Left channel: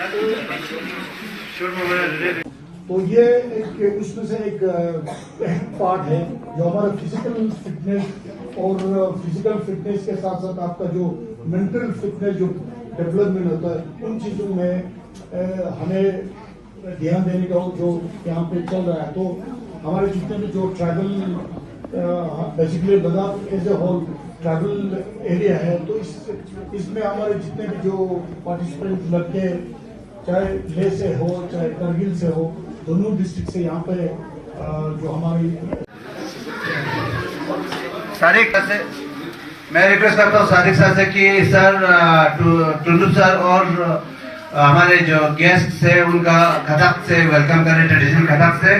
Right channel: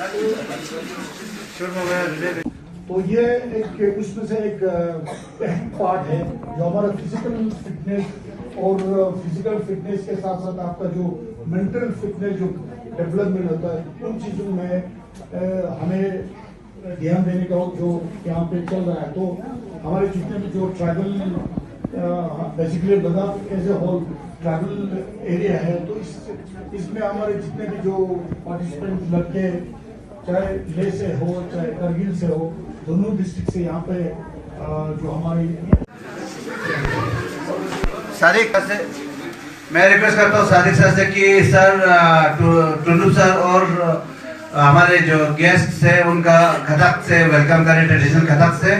तो ये एक इसमें से एक अहम पार्ट है जो हमारा फिजिकल फिटनेस और फिजिकल फिटनेस के साथ साथ आपका जो मेंटल फिटनेस जो डेवलपमेंट होता है उन चीजों में हमें ध्यान देने का जो यहाँ पे चल रहा है। तो हमारे जितने भी जो travel basically Ladakh as a whole travel area है, तो इसमें हमारे जितने भी जो पार्टिसिपेंट लड़के चाहे लेह से हो चाहे करगिल से हो, दोनों डिस्ट्रिक्ट से यहाँ पे जो हमारी सारिक से मैं रिक्वेस्ट करता हूँ सारिक सर से कि सर टुल्लू सर और हमारे जो गेस्ट है उनका कथक से वेलकम करें, ट्रेडिशनल कथक से।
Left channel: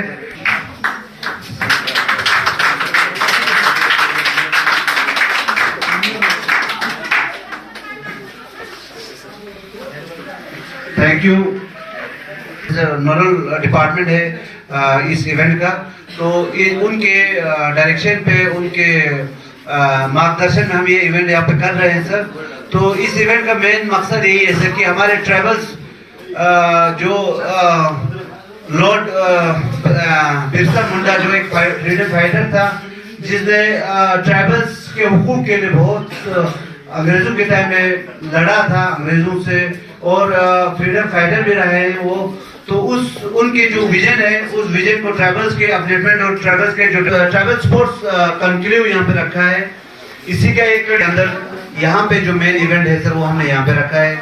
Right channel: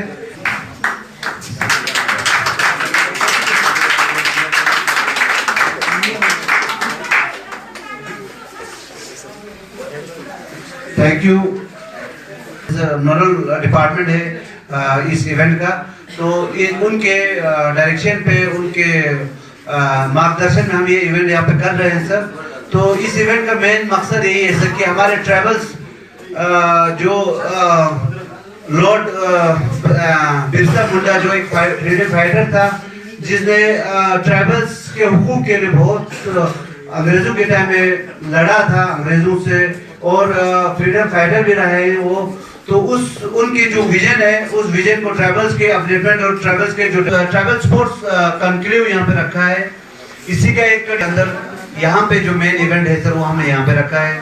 Thank you. नोडल डिपार्टमेंट है इस इवेंट का, तो उनके डायरेक्शन पे उनके मार्गदर्शन में हम ये इवेंट यहाँ पे कर रहे हैं सर। तो इस इवेंट का मेन मकसद यही है सर कि हमारे ट्रैवल्स जो लॉर्ड बिरसा मुंडा जो एक फ्रीडम फाइटर था जिसने ट्रैवल्स के हुकूक के लिए बहुत अंग्रेजों के टाइम में लड़ा था अंग्रेजों से, और फ्रीडम फाइटर भी रहे हैं वो। तो उनकी जो विजन है उस विजन को ट्रैवल्स के अपडेटमेंट और ट्रैवल्स के जो ट्रैवल स्पोर्ट्स कंक्लेव यहाँ पे रखा है, इसी का एक अंदर यहाँ पे जो मेन इवेंट है सर वो हमने यहाँ पे रखा है।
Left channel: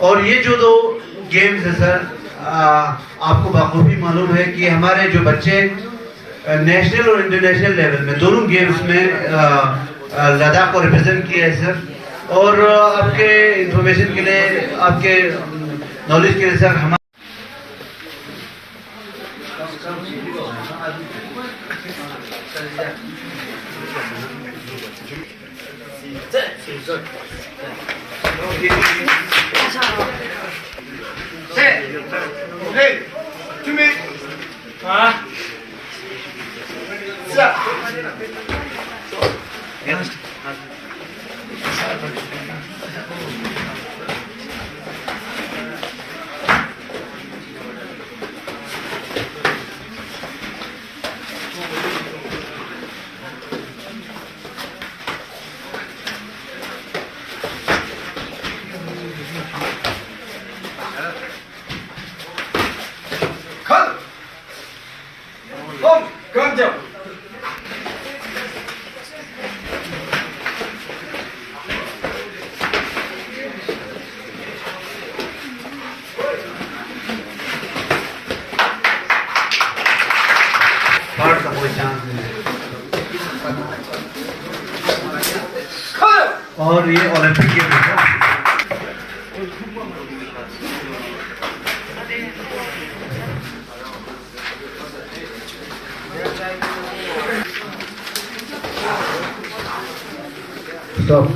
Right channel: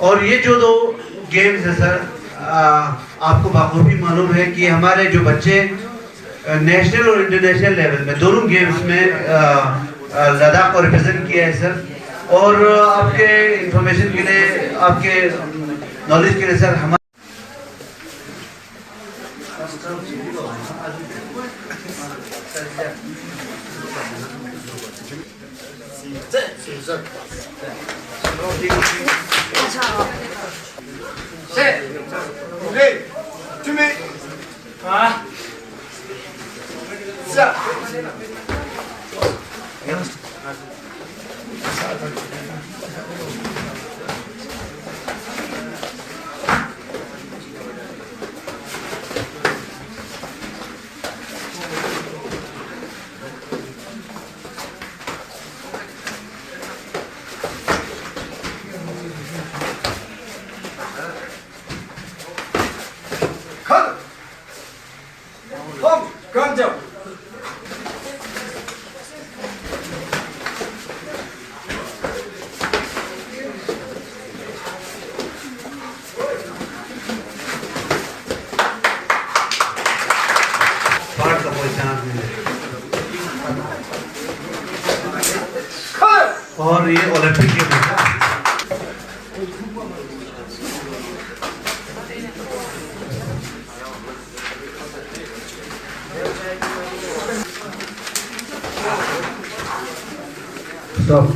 और ये जो दो गेम्स है सर, आपको बखूबी मालूम है कि हमारे जो बच्चे नेशनल और इंटरनेशनल लेवल में दोनों गेम्स में लद्दाख को रिप्रेजेंट किया है सर। और आपके इंफॉर्मेशन के लिए, आपके नॉलेज के लिए सर, हमारे और ये ओलंपिक गेम है। स्टॉप।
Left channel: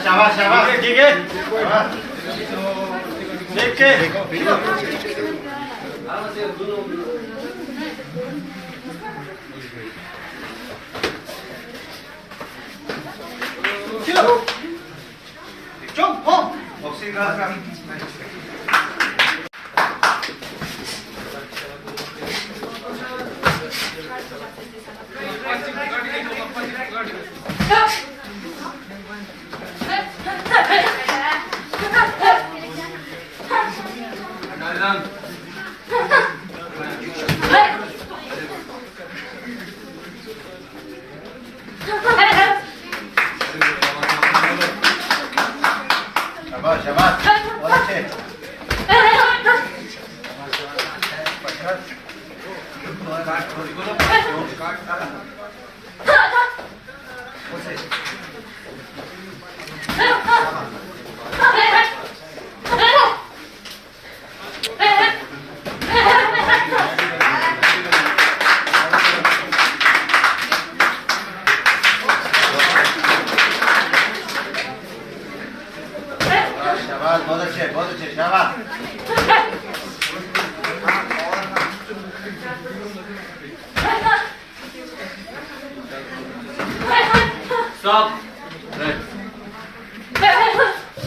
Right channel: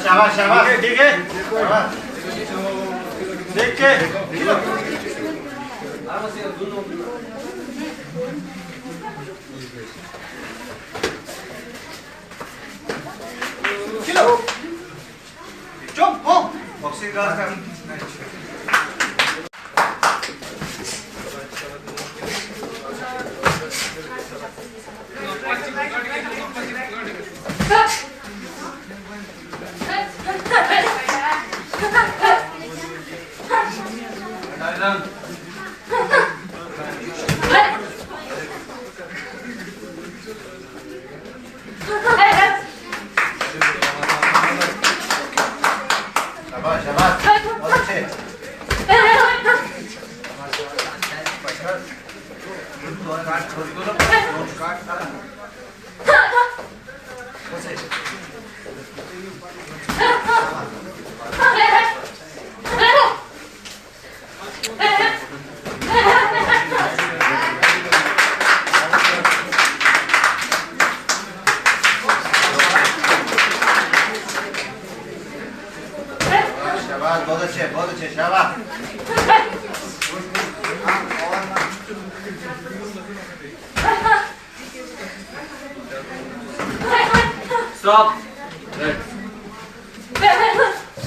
शाबाश शाबाश, ठीक है। देख के खिलो बहुत अच्छे शाबाश।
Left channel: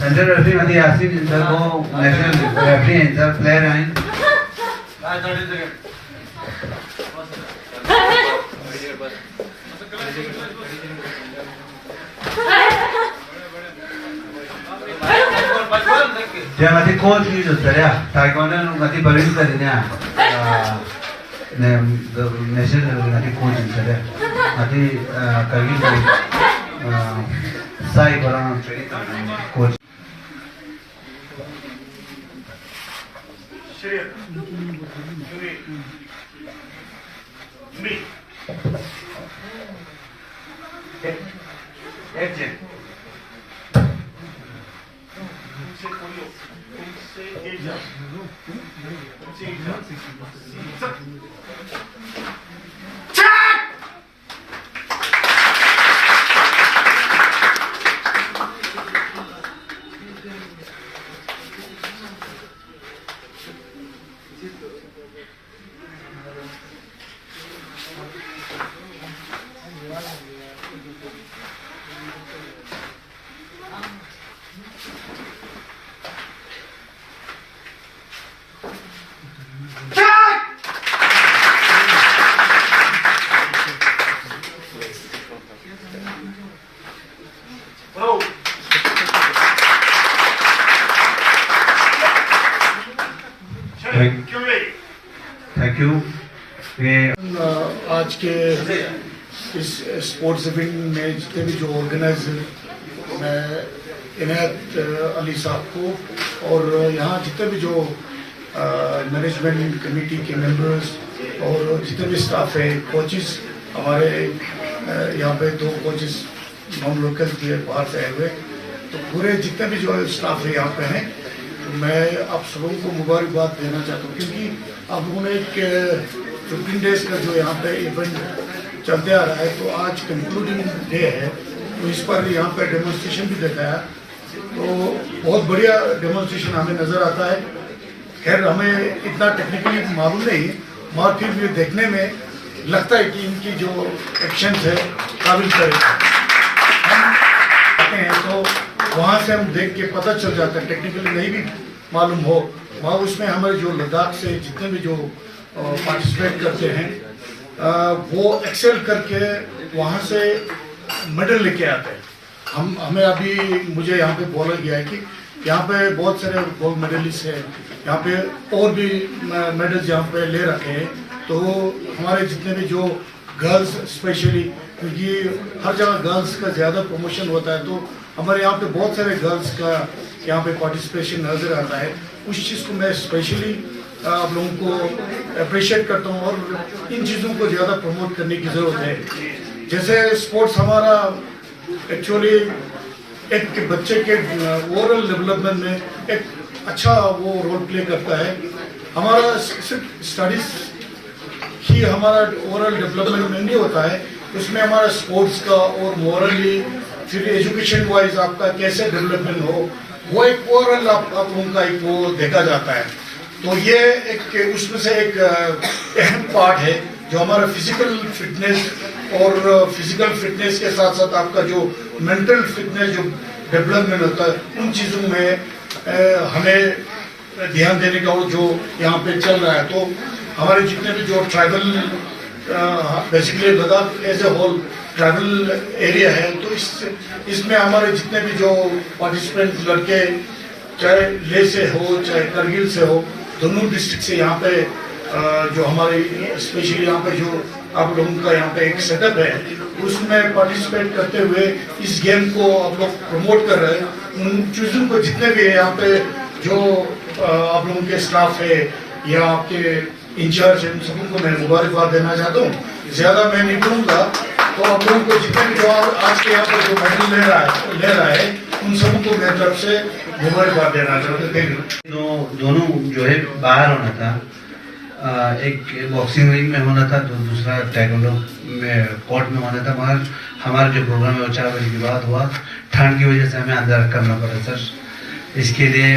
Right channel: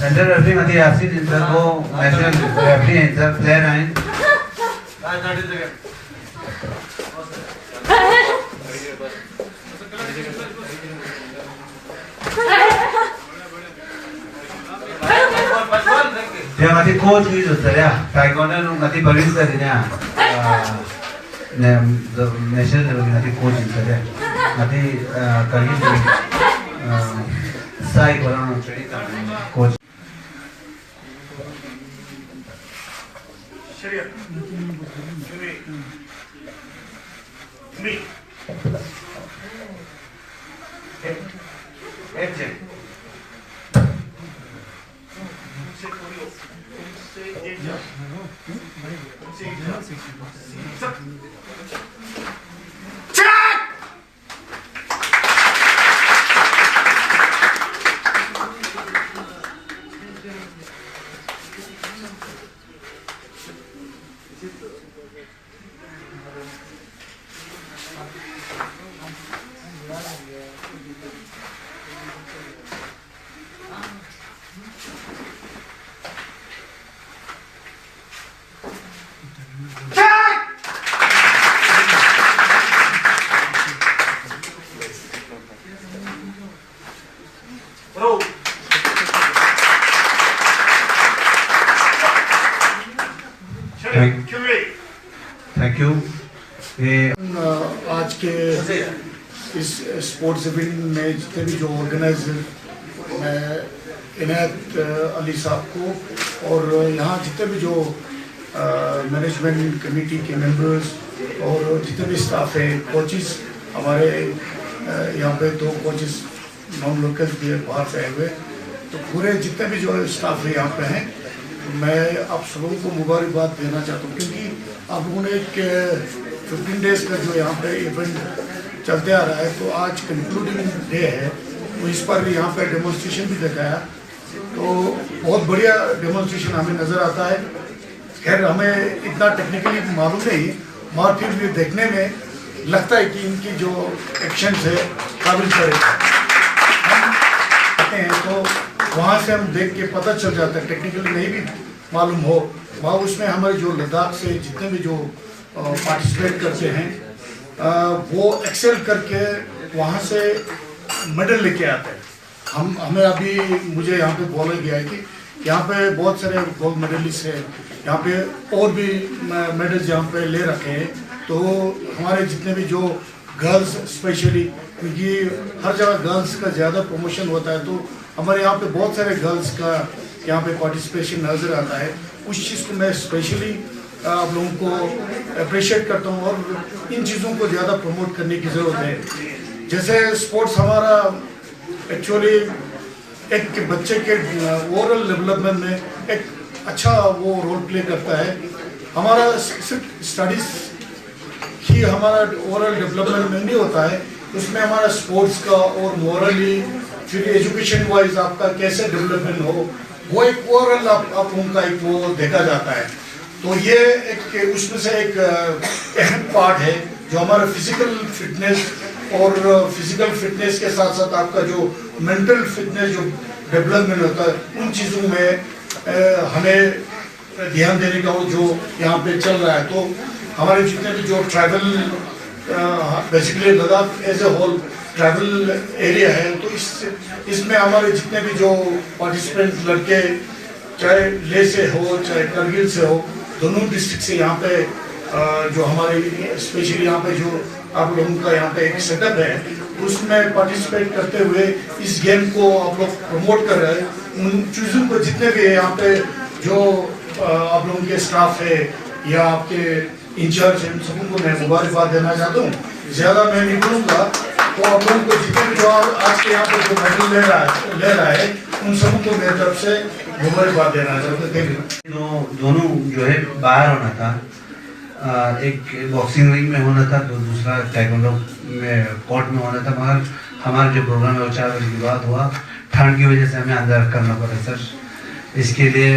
सेंट्रल रेफरी मध्ये यासिन इंटर को नेशनल रेफरी इंटर प्लेयर आइन dia mati coach gitu saya taekwondo mati baru tadinya national mati coach saya mati kali saya orang coach thank you. आज के इस स्पोर्ट्स इवेंट में जितने भी जो ऑर्गेनाइजर मैं इनायत अली साहब को और यहाँ जितने भी जो मैनेजमेंट कमेटी के मेंबर्स और जितने भी स्टाफ है, कोचेस हमारे यहाँ पे 2 कोचेस नॉन लोकल थे बाहर से आए हुए, तो पूरे जितने भी जो स्टाफ है यहाँ पे हैं, मैं आप सबों को मुबारकबाद देना चाहता हूँ क्योंकि आप लोगों ने एक 15 डेज का जो यहाँ पे इवेंट चलते आ रहा है, तो आज कंक्लूडिंग डे है, तो इस पर यहाँ पे डेमोन्स्ट्रेशन भी दिखाया, तो बहुत बढ़िया डेमोन्स्ट्रेशन हमें नज़र आता है। खैर हमें इतना टेक्निकली मालूम नहीं, मगर फिर भी देखने में लगता है कि इनकी जो एक्शन है काबिल करेगा हैं, तो वहाँ से हम देख के पता चल जाता है, टेक्निकली नहीं भी मालूम हो, वहाँ उसमें हमारे जो लद्दाख से जितने भी जो पार्टिसिपेट करते हैं वो एक्सेल करके वहाँ से मेडल लेके आते हैं। हमें अभी मुझे यहाँ पे बोला गया है कि यहाँ पे बहुत सारे गोल्ड मेडलिस्ट हैं, यहाँ पे और भी मेडल्स यहाँ पे ले रखे हैं, तो हमारे जितने भी जो गर्ल्स स्पेशली, क्योंकि हर जगह गर्ल्स का ज़्यादा प्रमोशन होता है, तो हमारे यहाँ पे बहुत सारे गर्ल्स का यहाँ पे पार्टिसिपेशन नज़र आता है। उस चीज़ को मैं स्पेशली आप लोगों को अप्रिशिएट करता हूँ और इन चीज़ों को ज़्यादा प्रमोट करने की ज़रूरत है। जैसे स्पोर्ट्स हमारा एक्चुअली एक बच्चे के ओवरऑल डेवलपमेंट में एक अच्छा वो रोल प्ले करता है। हमारा सिर्फ स्टडीज़ ही हमारा ओवरऑल डेवलपमेंट में नहीं होता है, उसमें हमारा स्पोर्ट्स का और मोरली फिर एजुकेशन वाइज आपका कैसे डेवलपमेंट हो, वो एक ओवरऑल आप लोगों का एक वो देखा जाता है। तो ये एक उसमें से एक अहम पार्ट है जो हमारा फिजिकल फिटनेस और फिजिकल फिटनेस के साथ साथ आपका जो मेंटल फिटनेस जो डेवलपमेंट होता है, उन चीज़ों में हमें ध्यान देने का जो यहाँ पे चल रहा है। तो हमारे जितने भी जो tribal basically Ladakh as a whole tribal area है, तो इसमें हमारे जितने भी जो पार्टिसिपेंट लड़के, चाहे लेह से हो चाहे करगिल से हो, दोनों डिस्ट्रिक्ट से यहाँ पे जो हमारे स्पेशली यहाँ पे जो आप लोगों का यहाँ पे एक सेटअप है, उसमें पार्टिसिपेट करते हुए इस गेम को आप लोग प्रमोट कर रहे हैं। उन चीज़ों को जितने भी है यहाँ पे जो आप लोगों के स्टाफ है या आपके इंचार्ज है, उन सबों को मैं मुबारकबाद देना चाहता हूँ। ज़्यादा मैं नहीं बोलूँगा, तो आप लोगों को जितने भी जो आज के यहाँ पर जो मेडल ले रहा है उन सबों को मेरी तरफ से मुबारकबाद देना चाहता हूँ। दोनों जो है बाहर होना था, एक बॉक्सिंग रिंग में होना था, तो दूसरा ताइक्वांडो में कोर्ट में होना था, मगर हमारा जो प्रोग्राम है वो 4 बजे के बाद हुआ। ठंड की वजह से हमें अंदर करना पड़ा सर। इसके लिए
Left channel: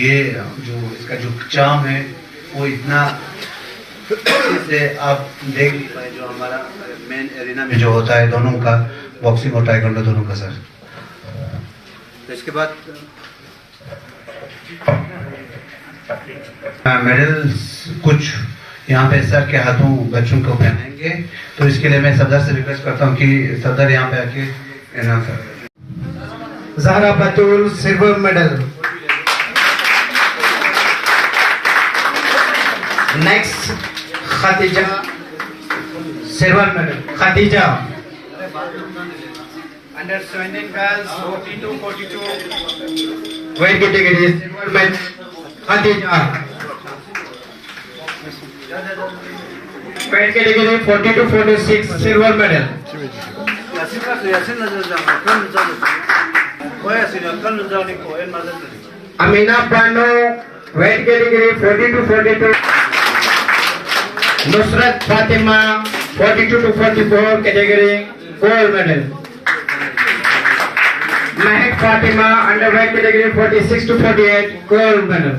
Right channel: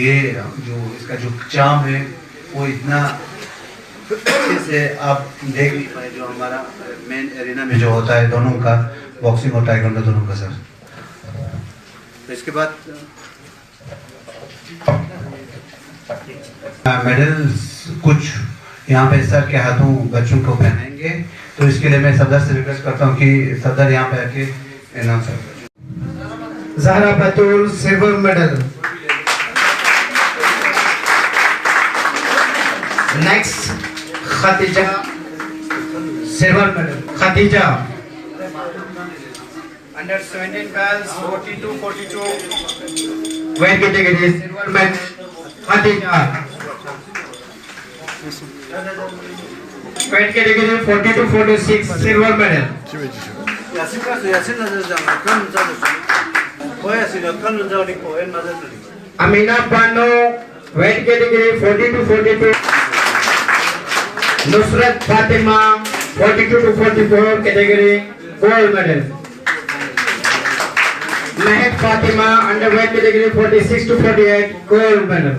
ये जो इसका जो चाम है वो इतना से आप देख नहीं पाए, जो हमारा मेन एरिना में जो होता है दोनों का, बॉक्सिंग और ताइक्वांडो दोनों का सर। तो इसके बाद मेडल्स कुछ यहाँ पे सर के हाथों बच्चों को पहनाएंगे, तो इसके लिए मैं सदर से रिक्वेस्ट करता हूँ कि सदर यहाँ पे आके इनाम कर। Zahra Batul, silver medal. Next, Khadija, silver medal. Khadija. Under 17 girls, 42. Weight category, silver medal. Khadija. Weight category 40-46, silver medal. Amina Pano, weight category 40-42. Nusrat Fatima, 42-44 category, gold medal. Mahek Fatima, underweight category 46-48, gold medal.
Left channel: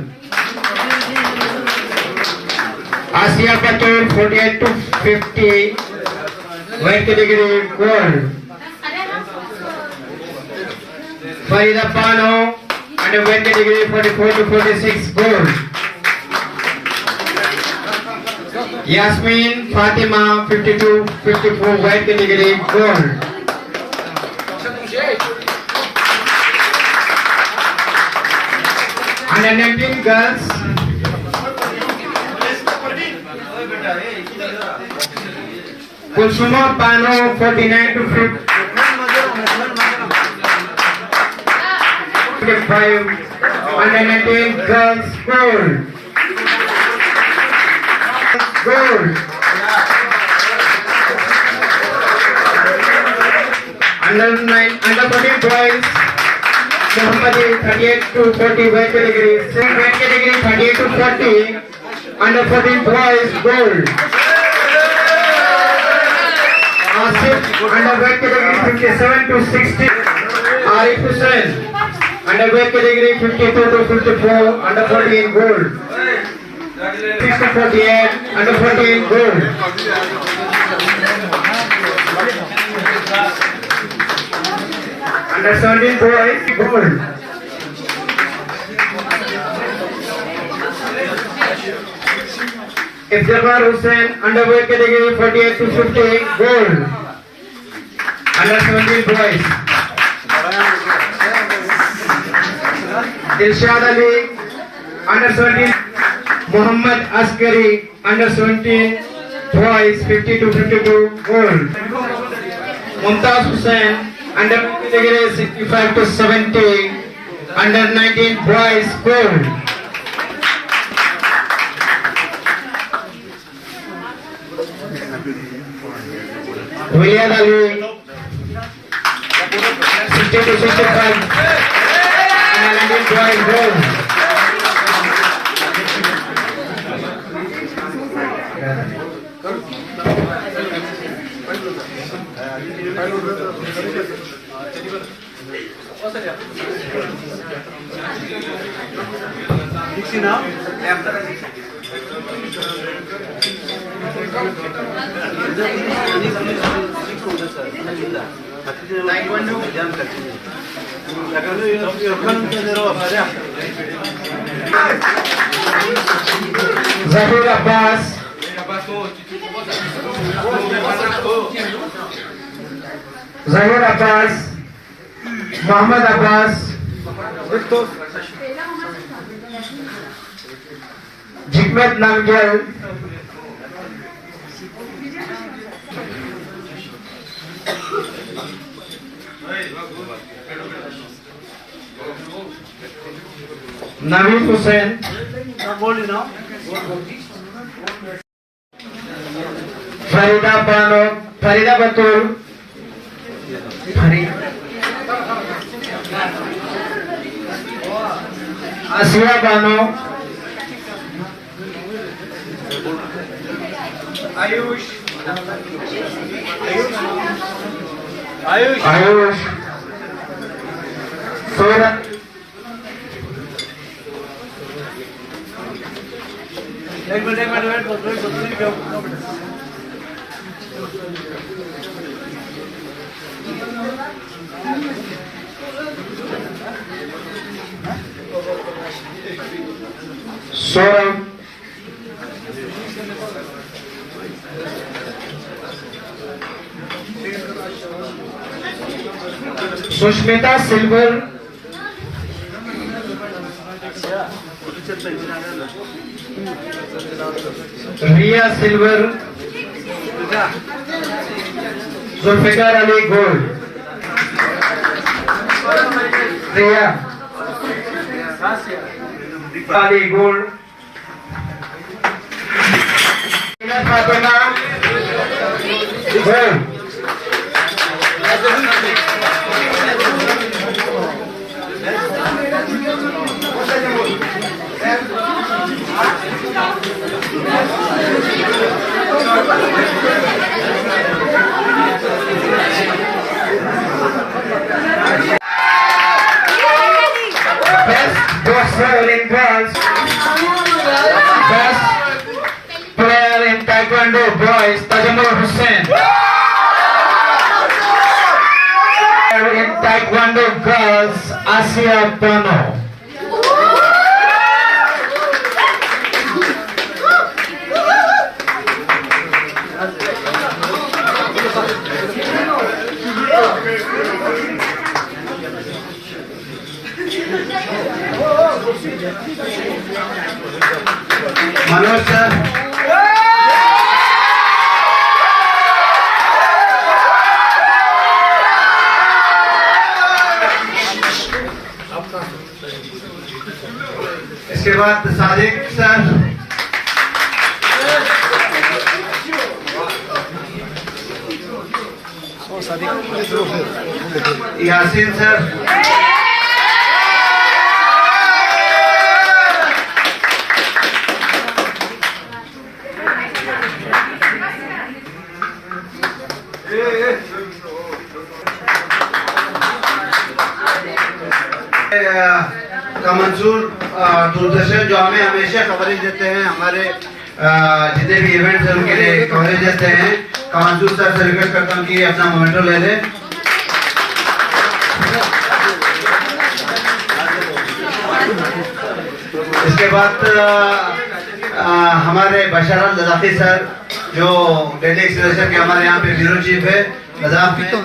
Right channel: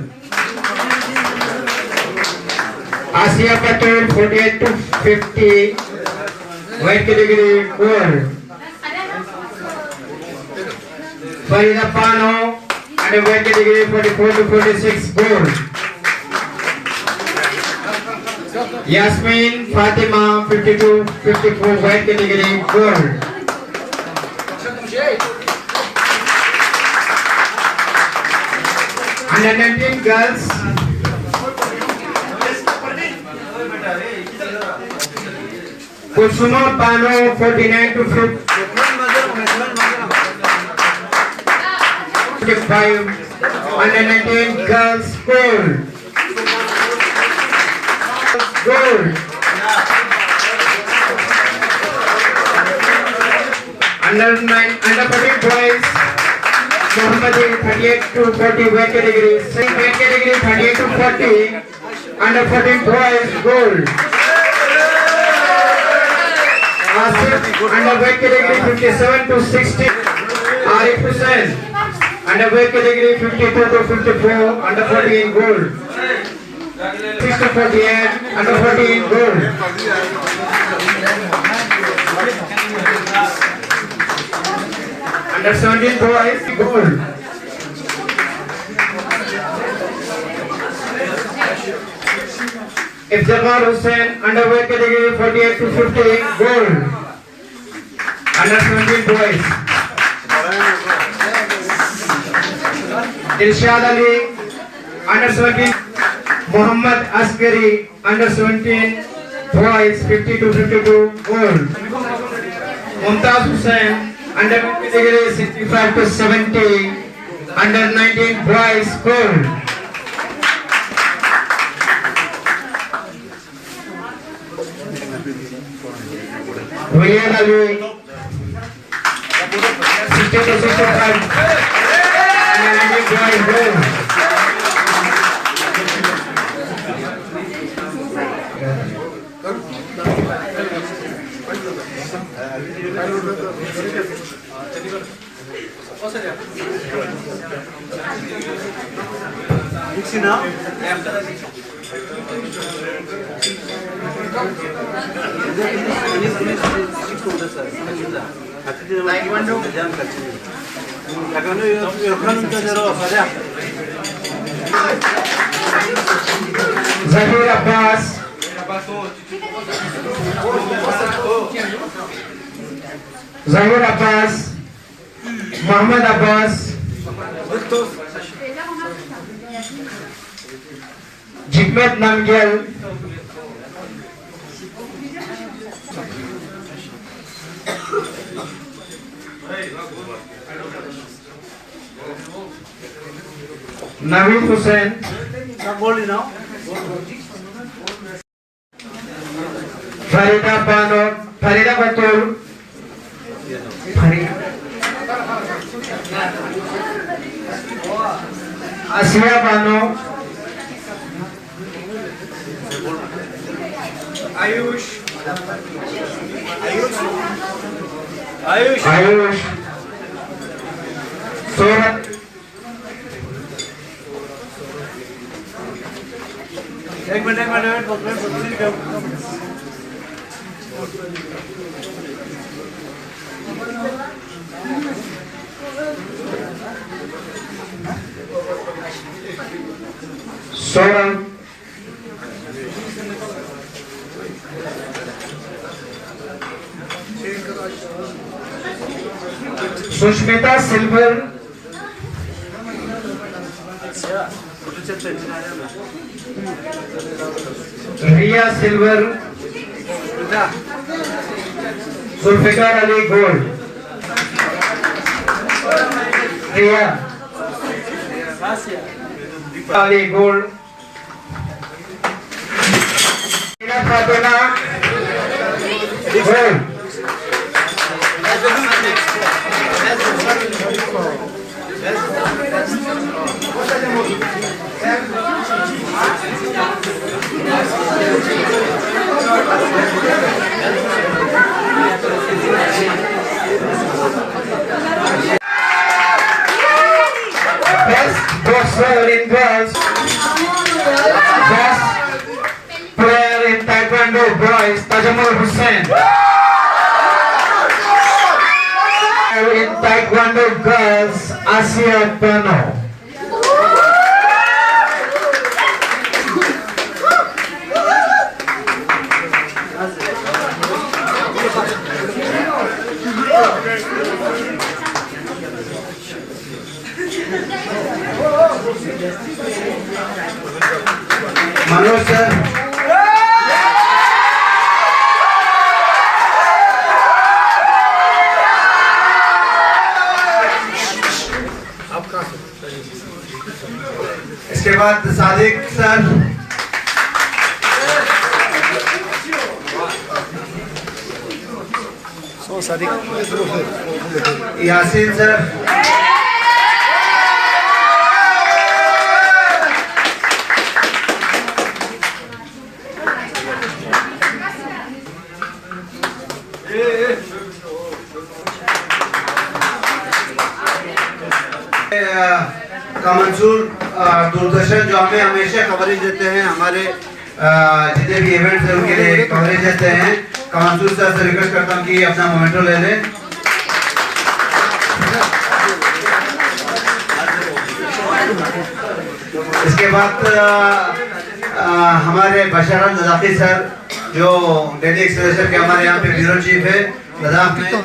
Asia Patur, 48-50, weight category, gold. Farida Pano, underweight category 44-46, gold. Yasmin Fatima, 52-54, weight category, gold. Under 19 girls, Kusuma Pano, 49-55, under 19 girls, gold. Gold. Under 14 boys, Muhammadi 38-40 weight category, weight category 38-40, under 14 boys, gold. Asif, under weight category 57-60, Arif Hussain, under weight category 52-54, under 14 gold. 6-48, under 14 gold. Under 17 boys, gold. Iftikhar Hussain, underweight category 48-50, gold. Under 17 boys. Dilshad Ali, under 17. Muhammad Askari, under 17 boys, 50-52, gold. Mumtaz Hussain, under category 65-70, under 19 boys, gold. William Ali, 60-65, under 19 boys, gold. Zahir Abbas, Zahir Abbas, Muhammad Abbas, Jikmat Namgyal, Naveed Hussain, Farida Bano, Farida Batul, Asya Bano, Ayush. Ayush, Surat, Soram, Sushmita Silver, Ria Silver, Zulfikar Ali Gold, Ria Ali Gold, Fatima Gold, Best boxer in girls, best player in Taekwondo boys, Tajamul Hussain. In Taekwondo girls, Asia Bano. Manoj sir, इसके बाद Sadiq sir, Yasin sir, का मंसूर दूरदर्शन जो हमें हमेशा coverage देते हैं, हमारे जितने भी इवेंट्स हैं उनके लिए कवरेज देते हैं। का मंसूर सर से रिक्वेस्ट करता हूँ कि अपना मोमेंटो ले लें। इसके बाद हमारे बशर लदाखी सर जो डेली एक्सलेशन के हमारे यहाँ पे ब्यूरो चीफ है लद्दाख में, तो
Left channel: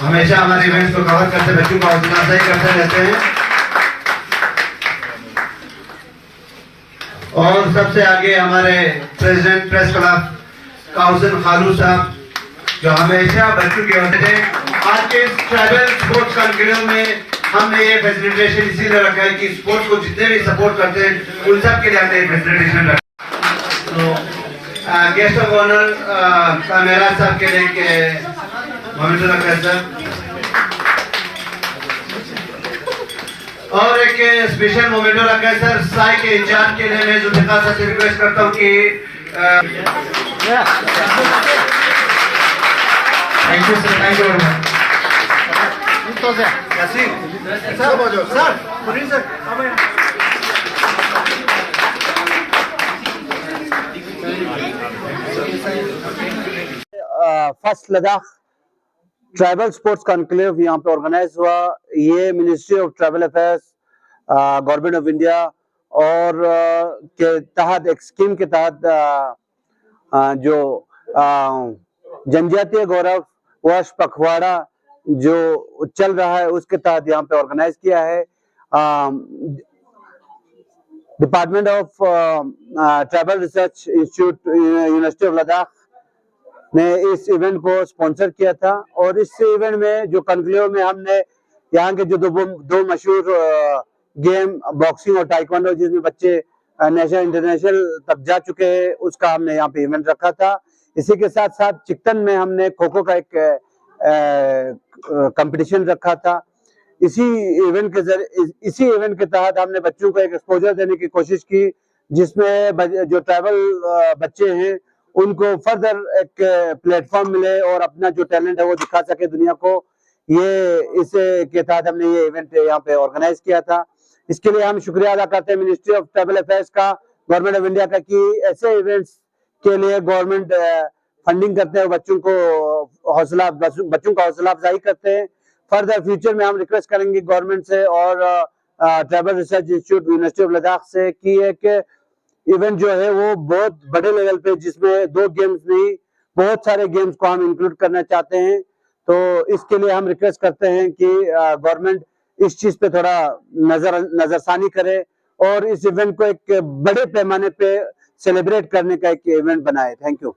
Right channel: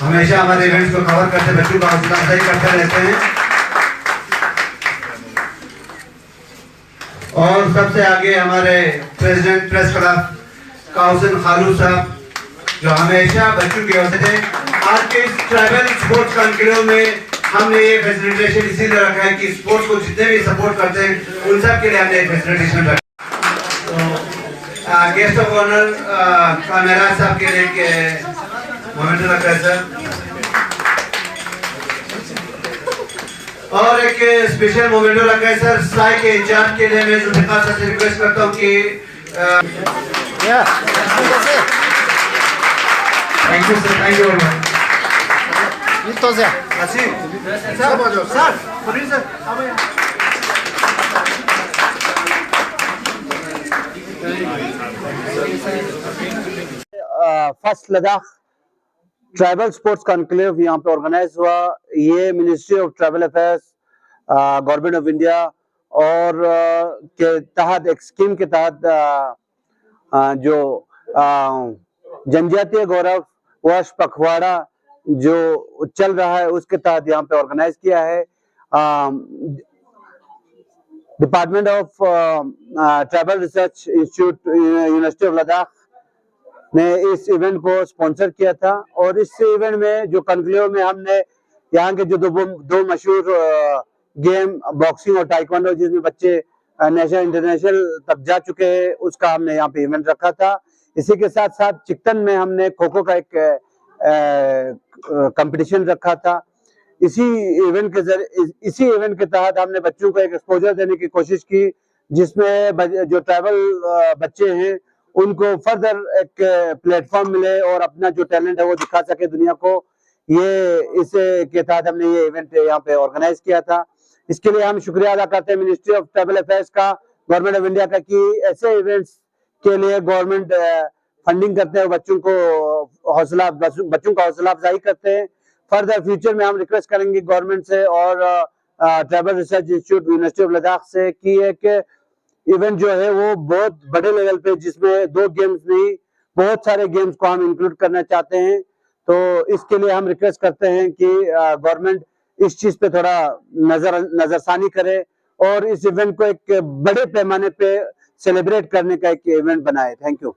हमेशा हमारे इवेंट्स को कवर करते, बच्चों का हौसला अफजाई करते रहते हैं। और सबसे आगे हमारे प्रेसिडेंट प्रेस क्लब काउंसिल खालू साहब जो हमेशा बच्चों के हौसले। आज के ट्राइबल स्पोर्ट्स कॉन्क्लेव में हमने ये फैसिलिटेशन इसीलिए रखा है कि स्पोर्ट्स को जितने भी सपोर्ट करते हैं उन सब के लिए हमने फैसिलिटेशन रखा। तो गेस्ट ऑफ ऑनर कामेरा साहब के लिए के मोमेंटो रखा है सर। और एक स्पेशल मोमेंटो रखा है सर साई के इंचार्ज के लिए। मैं जुल्फिकार सर से रिक्वेस्ट करता हूँ कि Thank you, sir. Thank you very much. Yasin sir बोलो सर प्रोड्यूसर अब first Ladakh tribal sports conclave यहाँ पे ऑर्गेनाइज हुआ। ये ministry of tribal affairs, government of India और के तहत एक स्कीम के तहत जो जनजातीय गौरव वर्ष पखवाड़ा जो चल रहा है उसके तहत यहाँ पे ऑर्गेनाइज किया है। Department of tribal research institute university of Ladakh ने इस इवेंट को स्पॉन्सर किया था और इस इवेंट में जो कॉन्क्लेव में हमने यहाँ के जो दो मशहूर गेम बॉक्सिंग और टाइक्वांडो जिसमें बच्चे नेशनल इंटरनेशनल तक जा चुके हैं उसका हमने यहाँ पे इवेंट रखा था। इसी के साथ साथ चिकटन में हमने खो खो का एक कंपटीशन रखा था। इसी इवेंट के तहत हमने बच्चों को एक एक्सपोजर देने की कोशिश की जिसमें जो ट्राइबल बच्चे हैं उनको फर्दर एक प्लेटफॉर्म मिले और अपना जो टैलेंट है वो दिखा सके दुनिया को। इसे के तहत हमने ये इवेंट यहाँ पे ऑर्गेनाइज किया था। इसके लिए हम शुक्रिया अदा करते हैं मिनिस्ट्री ऑफ ट्राइबल अफेयर्स का, गवर्नमेंट ऑफ इंडिया का कि ऐसे इवेंट्स के लिए गवर्नमेंट फंडिंग करते हैं, बच्चों का हौसला अफजाई करते हैं। फर्दर फ्यूचर में हम रिक्वेस्ट करेंगे गवर्नमेंट से और tribal research institute university of Ladakh से कि एक इवेंट जो है वो बहुत बड़े लेवल पे जिसमें 2 गेम्स नहीं बहुत सारे गेम्स को हम इंक्लूड करना चाहते हैं। तो इसके लिए हम रिक्वेस्ट करते हैं कि गवर्नमेंट इस चीज पे थोड़ा नजरसानी करे और इस इवेंट को एक बड़े पैमाने पे सेलिब्रेट करने का एक इवेंट बनाए। Thank you.